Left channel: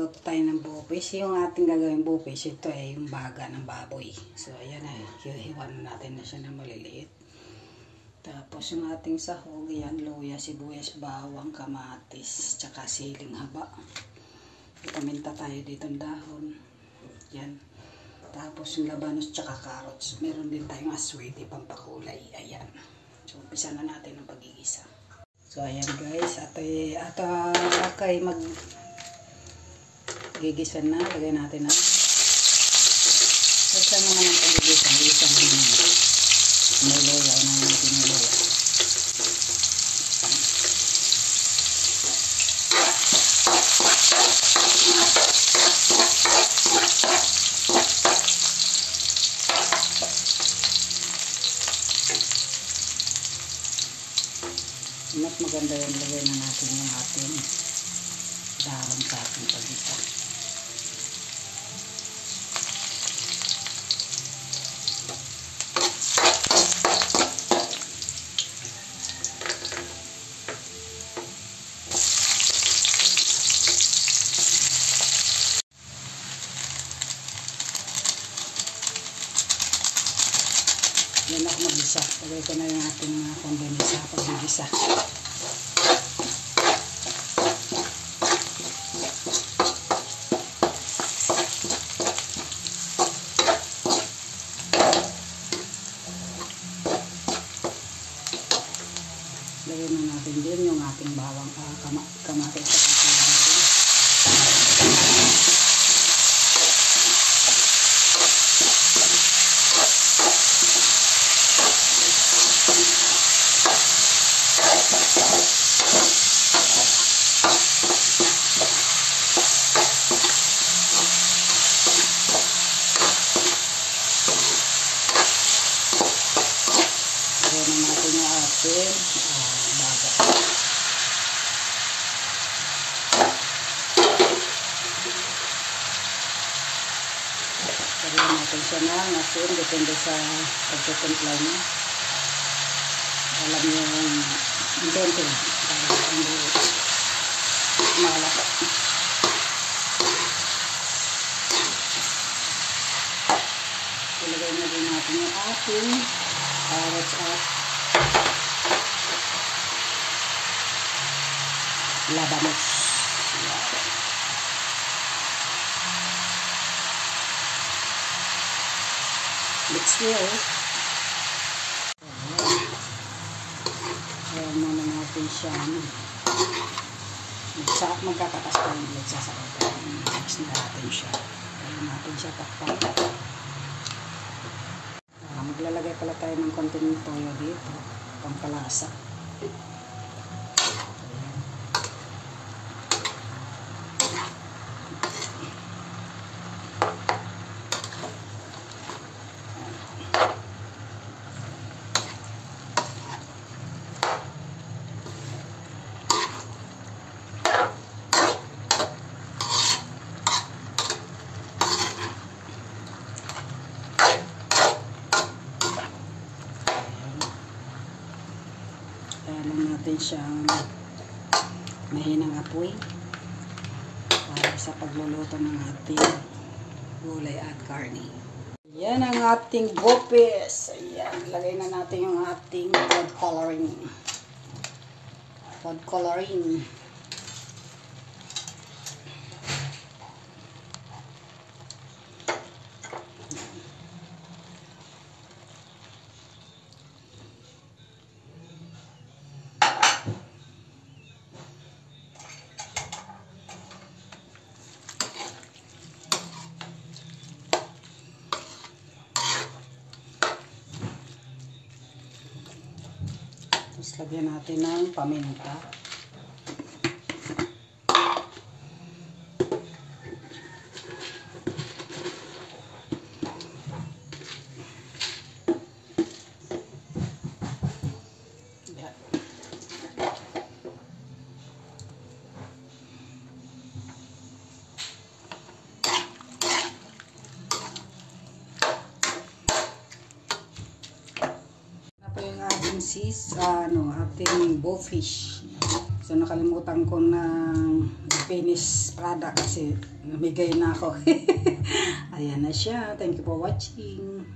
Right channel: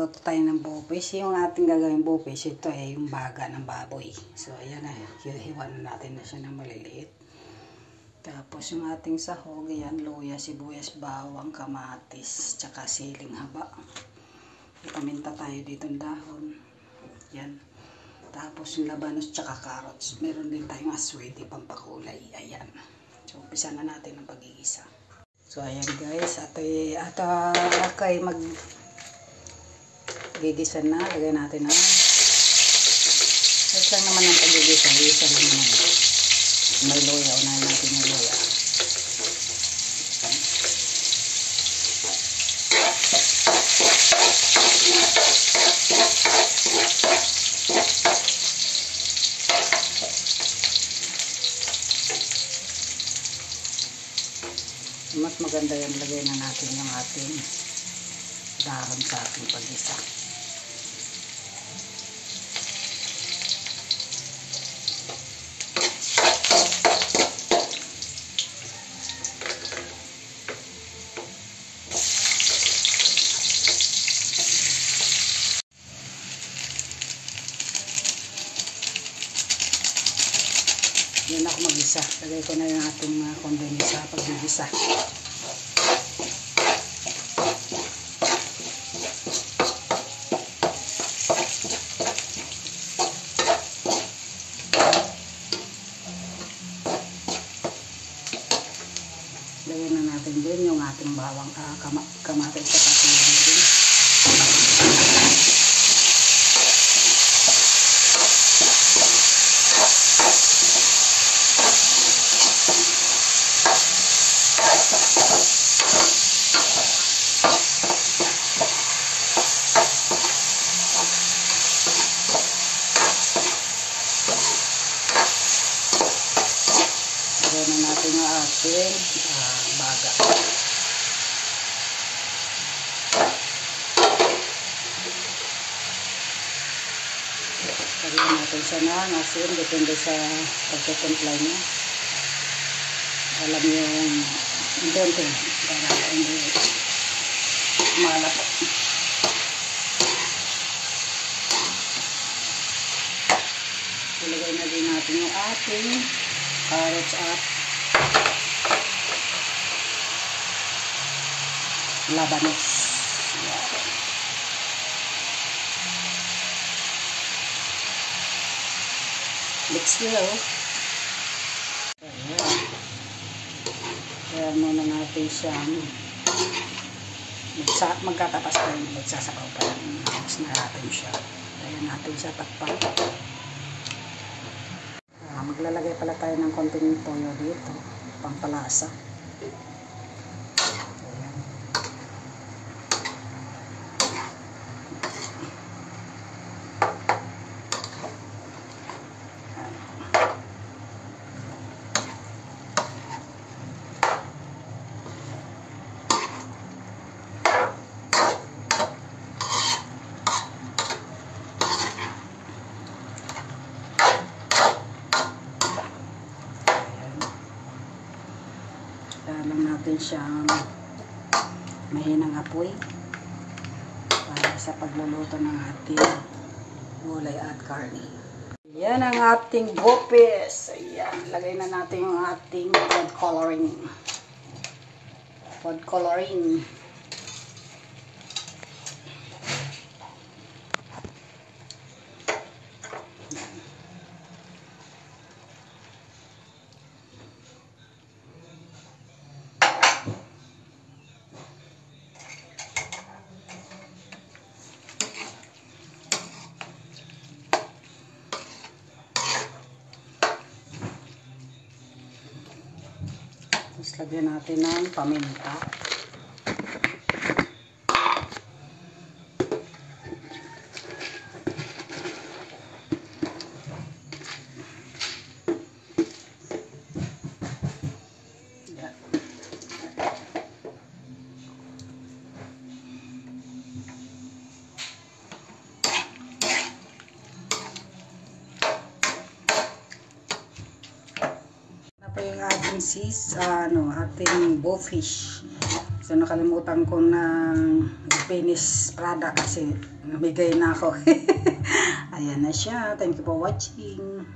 Magluluto tayo ng bufish. Yung ating gagawin bufish, ito ay yung baga ng baboy. So, ayan na. Hihiwan natin na siya ng maliliit. Tapos, yung ating sahog, ayan, luya, sibuyas, bawang, kamatis, tsaka siling haba. Paminta tayo dito ng dahon. Yan. Tapos, yung labanos, tsaka carrots. Meron din tayong aswete, pampakulay. Ayan. So, umpisa na natin ang pagigisa. So, ayan guys. Ato kay gigisa na. Lagay natin na. Ito lang naman ang pagigisa. Isa lang naman. May luya. Unahin natin yung luya. Mas maganda yan, lagay na natin yung ating dahon sa ating pagisa. Yan ako mag-isa. Lagay ko na yung ating condiment sa pag-isa. Lagay na natin din yung ating bawang kamatis sa kasilang din. Lagyan na natin yung ating baga. Lagyan natin siya ng asin. Depende sa pagkatimpla niya. Alam niyo yung donto. Para hindi malapa. Ilagay na din natin yung ating carrots at labanos. Let's go. Kaya muna natin siyang magkatakas tayo. Magsasakaw tayo. Mix na natin siya. Kaya natin siya takpan. Maglalagay pala tayo ng konting toyo dito, pampalasa. Lang natin siyang mahinang apoy para sa pagluluto ng ating gulay at karne. Yan ang ating bufish. Ayan, lagay na natin yung ating food coloring. Food coloring. Tapos lagyan natin ng paminta. Yan. Pa yung ating ating bufish. So nakalimutan ko ng finish product kasi namigay na ako. Ayan na siya. Thank you for watching.